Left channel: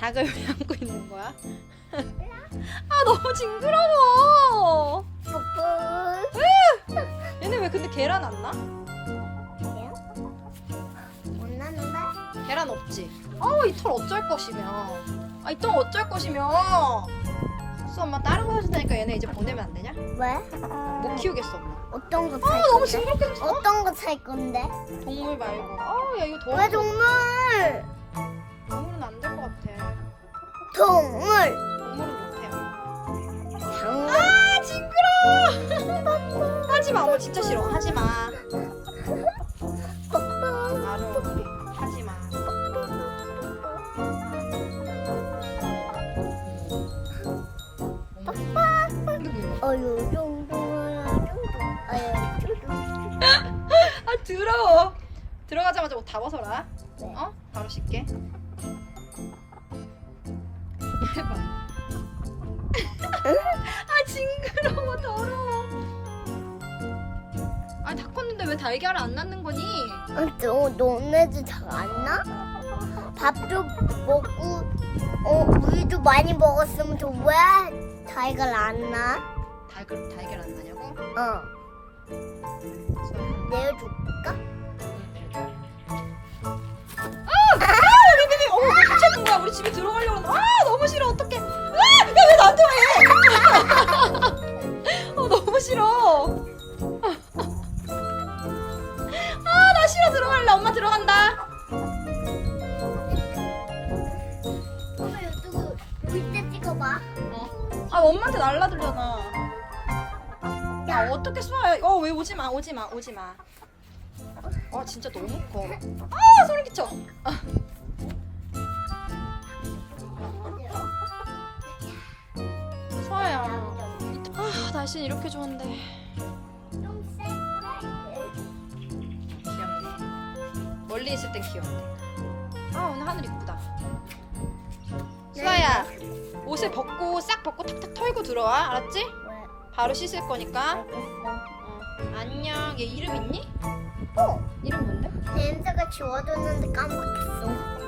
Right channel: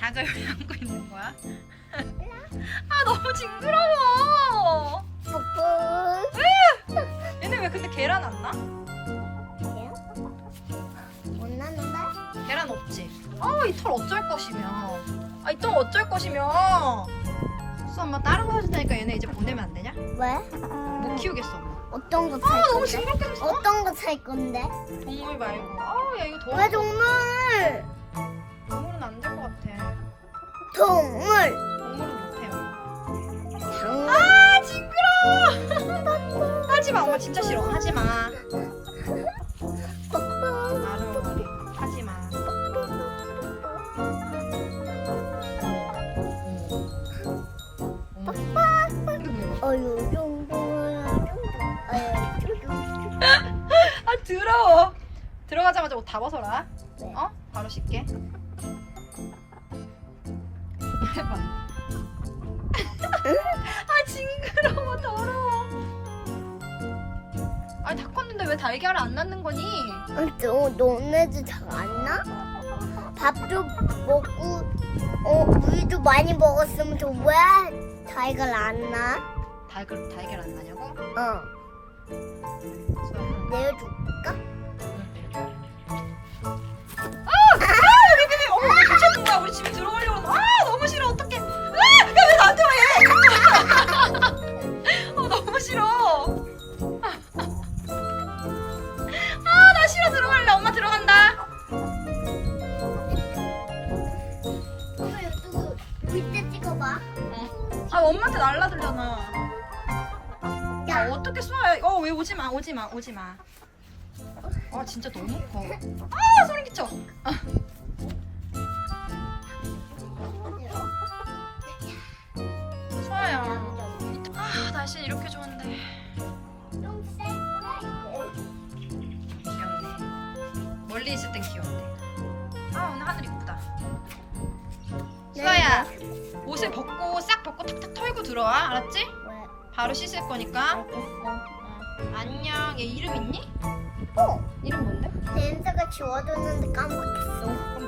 닭을 왜 안고 있는 거야? 아 너무 징그러워. 으! 얘네 왜 근데 계란 안 나? 못 났는데? 계란 없지. 아 이 털 어쩔 것이며. 아이털 어쩔 것이며. 수 엄마 다른 거 해줄 테니까 얘네 이제 보내면 안 되냐? 왜? 못 어. 키우겠어. 어떤 거 아 살 너무 징그럽게 생겼어. 어떤 거 살 건데? 동물 말고. 아야 이거 더. 왜 동물? 동물. 아, 징그러워. 하지 마, 엄마 진짜 싫어. 하지 마. 나를 하지 마. 아 더러워. 들어가자마자 옷 다 벗어라. 어? 바로 씻게. 아 징그러워 더러워. 아니 다 컸는데 왜 달걀을 안 낳는 거니? 너 너네들 잘안 나? 밥도 먹고 어 우유도 많이 먹었으면 저왜 달걀 안 나? 달걀 달걀 안 나냐고? 어 내려줄까? 봐. 아 엄마한테 날라들잖아 야. 어떻게 쏴요? 어왜 오지 마 오지 마 오지 마 아 진짜 너무 커. 아 소리 끼쳐. 아. 서아야 아 날씨 이렇게 좋은데. 귀엽네 멀리 있을 땐 귀엽네 아 오늘 하늘 이쁘다. 수아야 옷을 벗고 싹 벗고 탁탁 털고 들어와 알았지? 왜? 바로 씻을 거니까 알겠어. 어. 안녕 얘 이름 있니? 어 이름 뭔데? 벤서가 지워줬는데 까먹었어.